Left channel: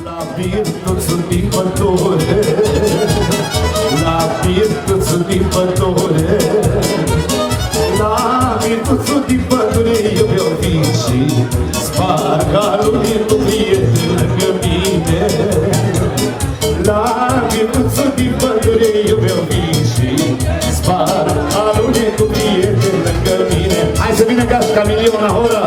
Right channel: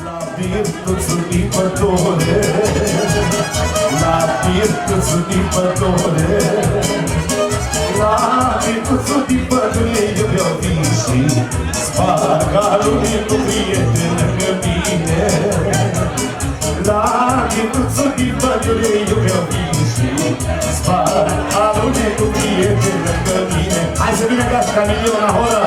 La virtuțul din pădure, la virtuțul din pădure, la virtuțul din pădure eu vreau vin și sparg alunii cu prieteni lângă mine. La virtuțul din pădure eu vreau vin și sparg alunii cu prieteni lângă mine. Hai să vină gașca Milion Ahora!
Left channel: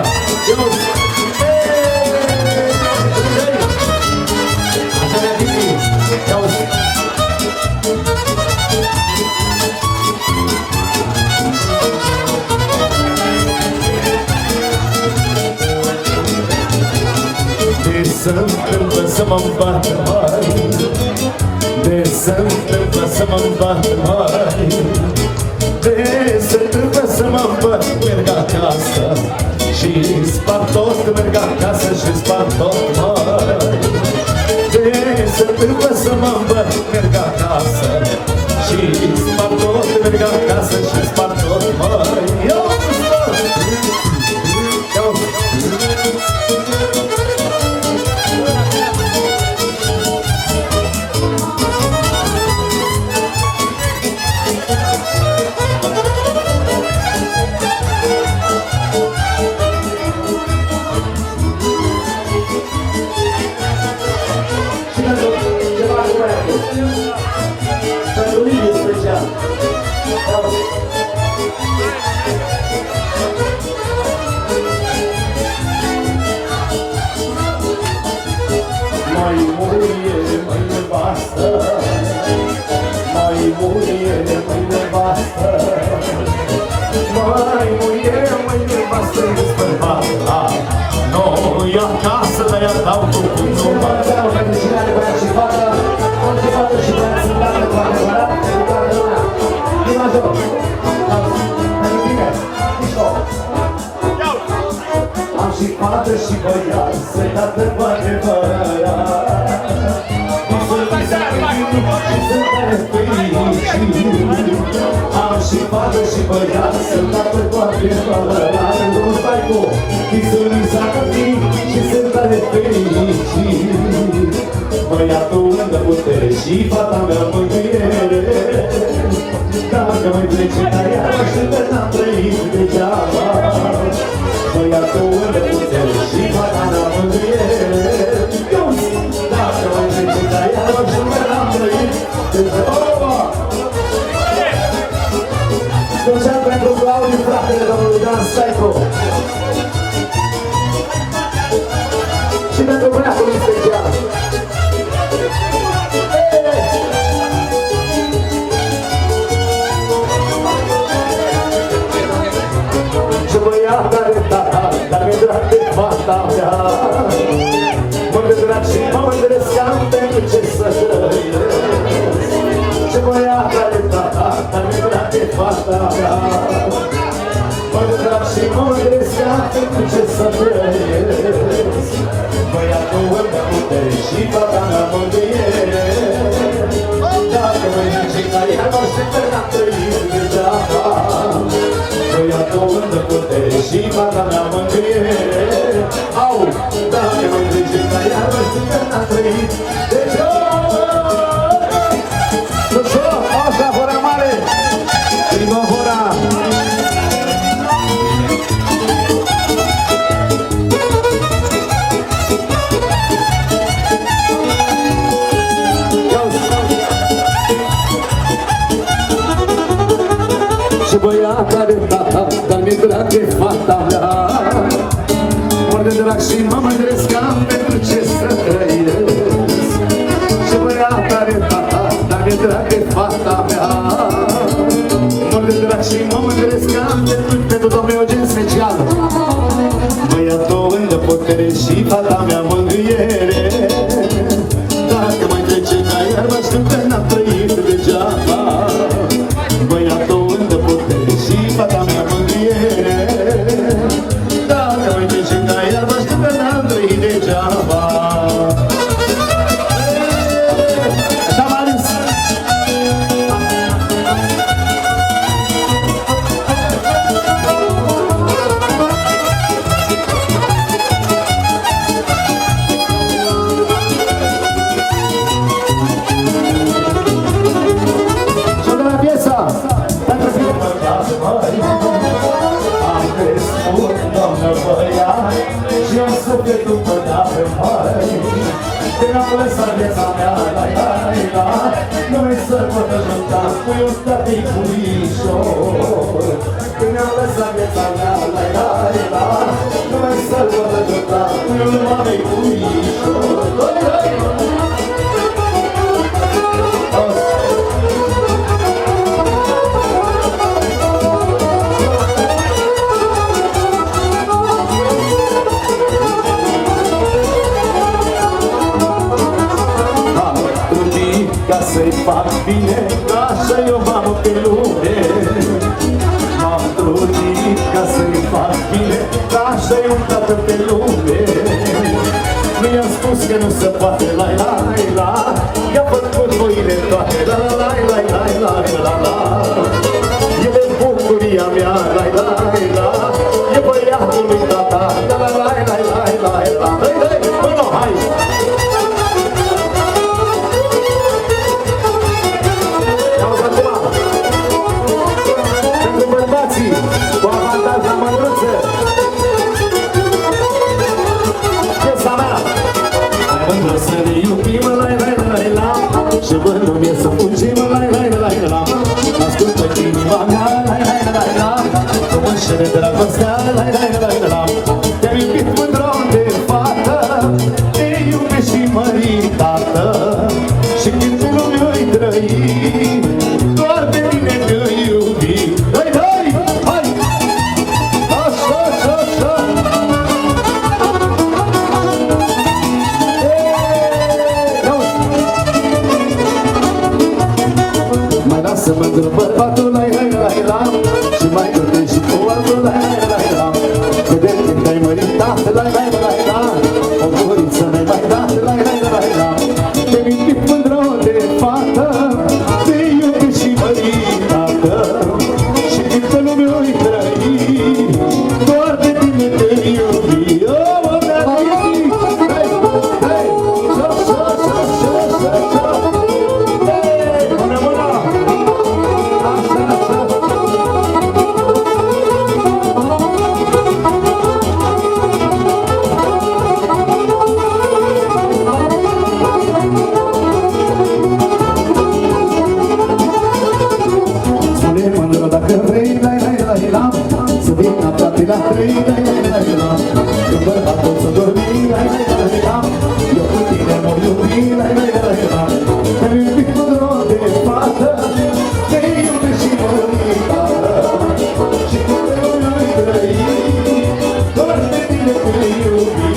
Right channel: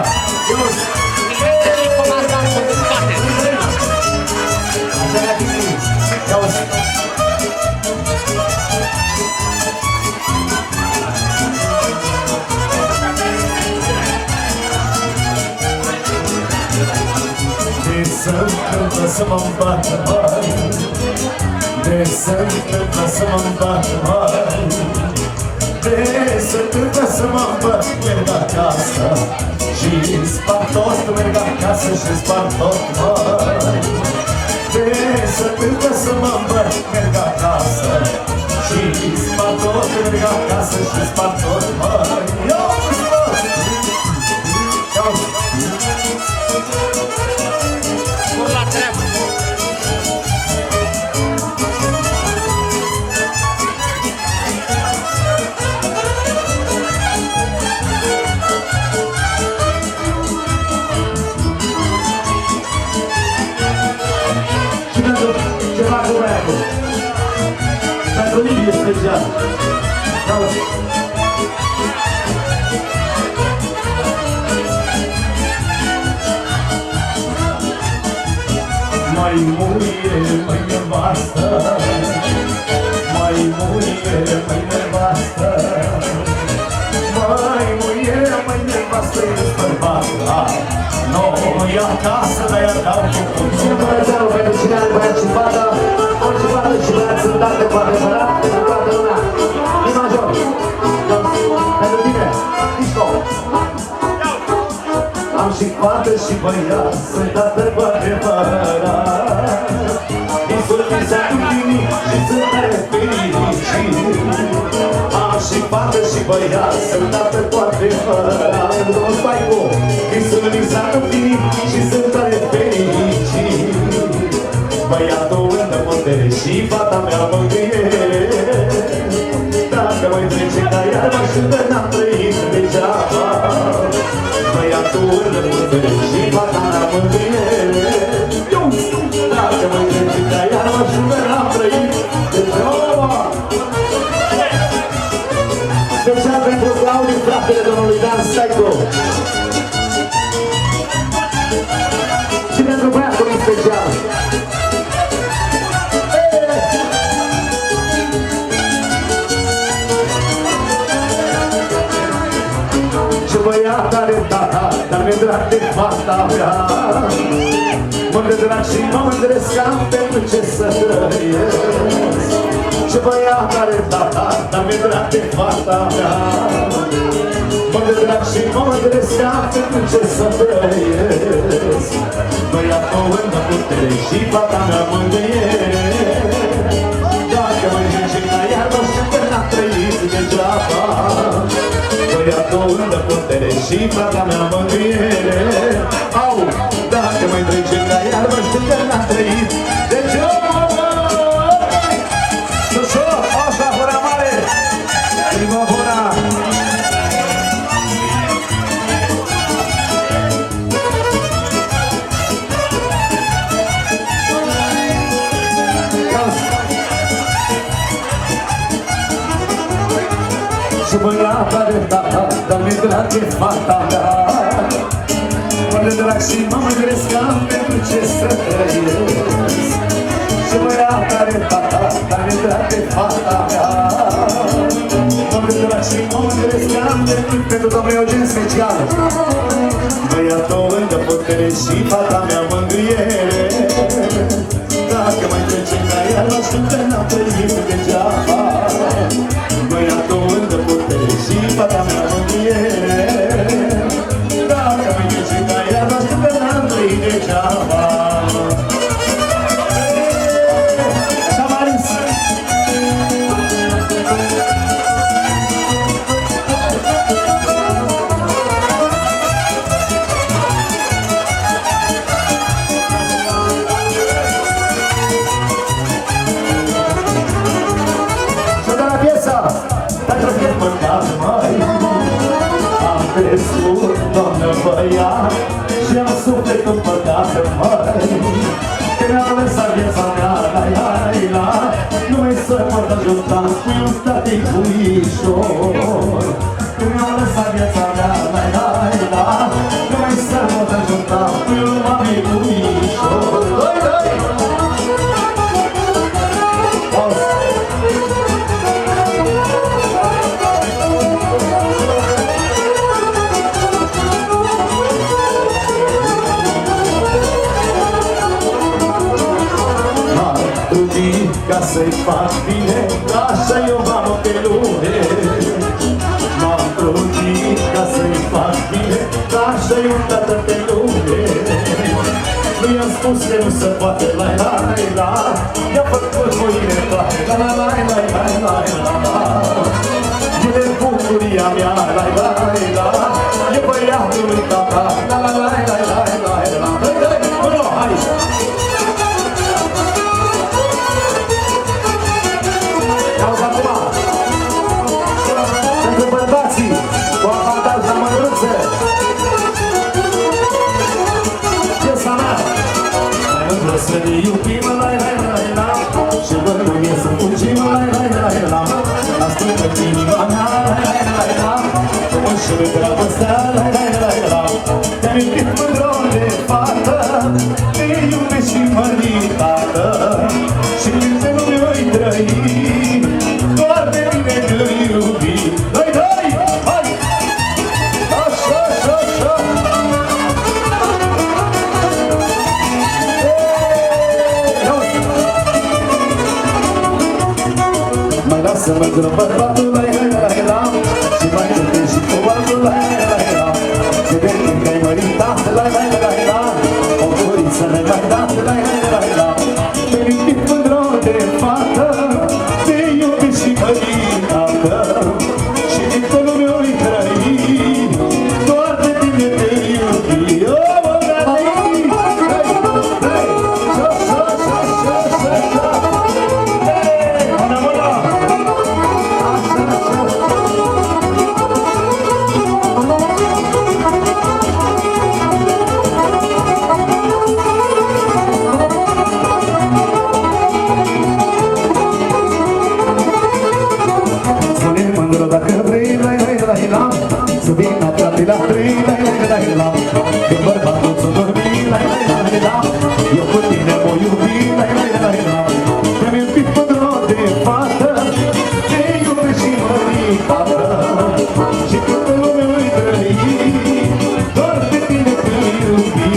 De se-ntâmplă să mă-mi bată mai, de se-ntâmplă să mă-mi bată mai, de se-ntâmplă să mă-mi bată, merg acasă și spart tot, merg acasă și spart tot mai. De se-ntâmplă să mă-mi bată, merg acasă și spart tot, merg acasă și spart tot mai. Mai muie, mai nevastă, mai muie, mai nevastă, mai muie, mai nevastă, ești bărbat la noi acasă, de-aia dau cu nu mai dau, pentru cine are vrea și vadă, orice vadă și vrea să date cu adevărat, pentru toată lumea. Vino jos, pentru tine, mișco. Am și fată și băiat, sunt tată cu adevărat. Am și fată și băiat, sunt tată cu adevărat. Nu-ți bai cu, Iisus înseamnă timp și sunt tare fericit. Băiatul îmi putere și fata mea mângâiere. Dacă mă trece ca iarba și de n-am trăit degeaba. Băiatul îmi putere și fata mea mângâiere. Dacă mă trece ca iarba și de n-am trăit degeaba. Special pentru Claudiu, fratele domnului Dan Staico. Și pentru băiatul special. Ce băiat are tata, dar mi-e drag de fata mea. Mă-mi drag și mă mândresc am pentru ce să trăiesc. Ce băiat are tata, dar mi-e drag de fata mea. Mă-mi drag și mă mândresc am pentru ce să trăiesc. Băiatul îmi dă putere și fata mea mângâiere. Dacă mă zice ca ea, nu știu că n-am trăit degeaba. Băiatul îmi dă putere și fata mea mângâiere. Au, dacă mă zice ca ea, nu știu că n-am trăit degeaba. Sus-o, asta, hora mare! Prima hora! Ce băiat are tata, dar mi-e drag de fata mea. Mă-de drag și mă mândresc am pentru ce să trăiesc. Ce băiat are tata, dar mi-e drag de fata mea. Mă-de drag și mă mândresc am pentru domnul Eugen special. Băiatul îmi dă putere și fata mea mângâiere. Dacă mai trece ca iarba, știu că n-am trăit degeaba. Băiatul îmi dă putere și fata mea mângâiere. Dacă mai trece ca iarba, știu că n-am trăit degeaba. Așa, Maris! Că mi-am lăsat viața mea, la, nu mai să pot ajuta, spui un static puișor. Că mi-am lăsat viața mea, la, nu mai să pot ajuta, spui un mami puișor. Ca să-i fac bine, așa eu v-am pe lume. M-am trudit ca să-i fac bine, așa eu tată pe lume. Nu i-am spus că nu se poate, la, i-a făcut voile toate, la, el e bucuria mea, la, e băiatul lui tata, la, hai! Cu avantaj la mândruță. Piesa mea. Mândră să ne iubim, la, și vându-mi să fugim, la, ascultă inima mea, la, că mă înșele dragostea, la, te-am iubit mândră de fată, te iubesc și măritată, și când pe lume voi trăi, doar pe mine te iubi. Să mă întreb bărbatul, la, și mai dă-te și cu altul, la, că de când te-ai măritat, la, o guriță mi-ai mai dat, la, te-ai iubit mândră de fată, te iubi și măritată, și din pe lume oi trăi, doar de tine te iubi. Când bărbatul s-o dormi, eu cu tine mă iubi, te-am iubit mândră de fată, te iubesc și măritată, și când pe lume ai trăi, doar de tine te iubi.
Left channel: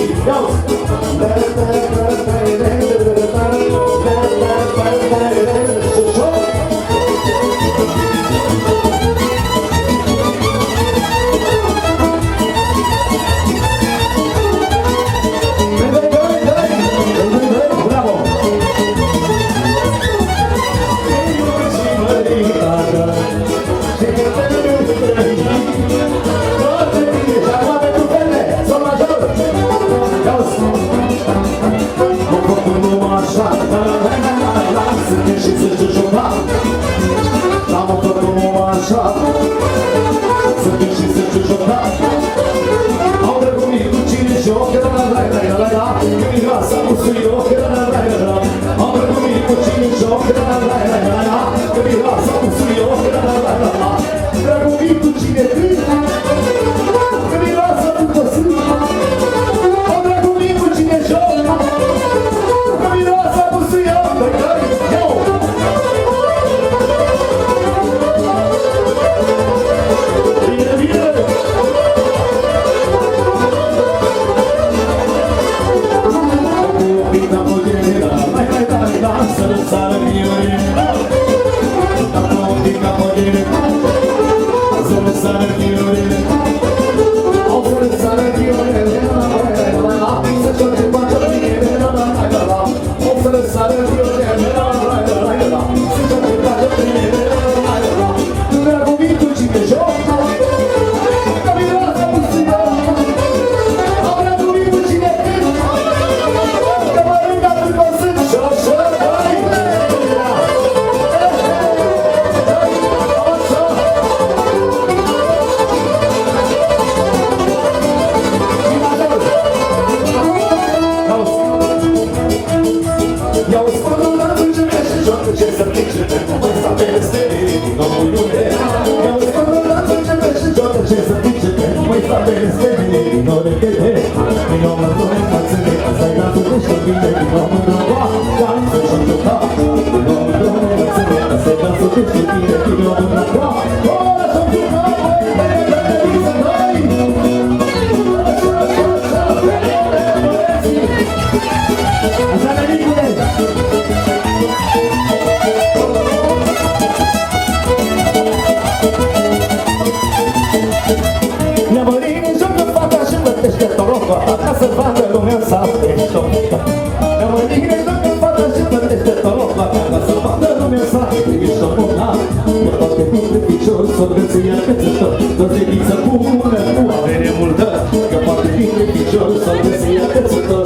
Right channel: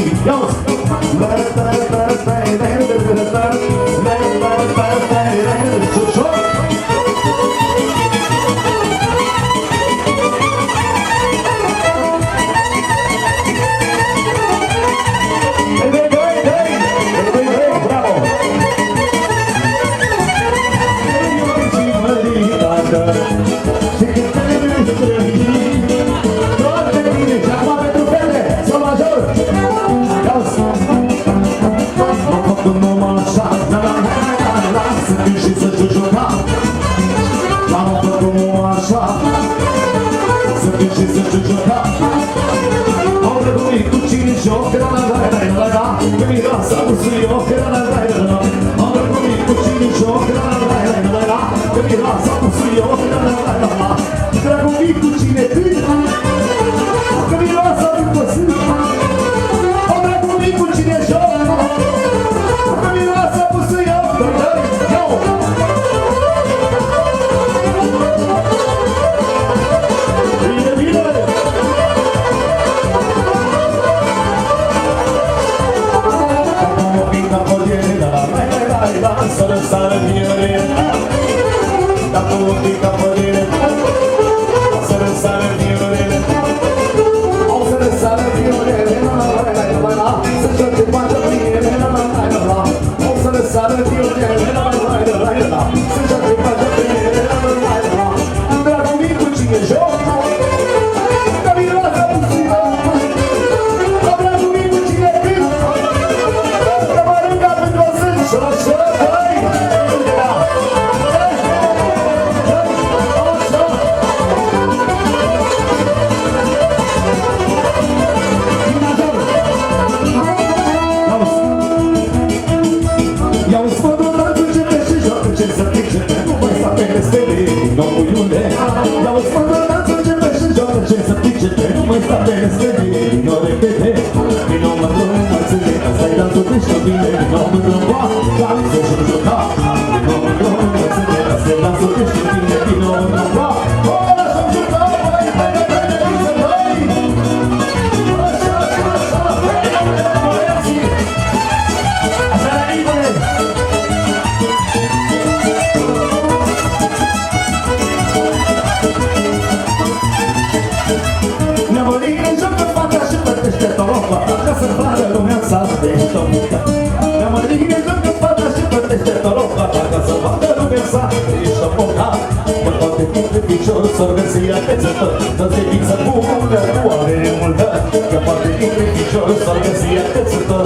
peste mine, vino repede Vino mă doi mulțime, asta-i dansul de ștobine Vino mă drăva, dansul și juca Vino mă doi mulțime, asta-i dansul de ștobine Vino mă drăva, dansul și juca Așa, Nicule! La mărină joacă fata și plătește toropa Ca să facă lumea să apește o mică La mărină joacă fata și plătește toropa Ca să facă lumea să apește o mică Că toate dintre picior s-o găsia pețător Toți viță bună nu are nemultă Că toate dintre picior s-o găsia pețător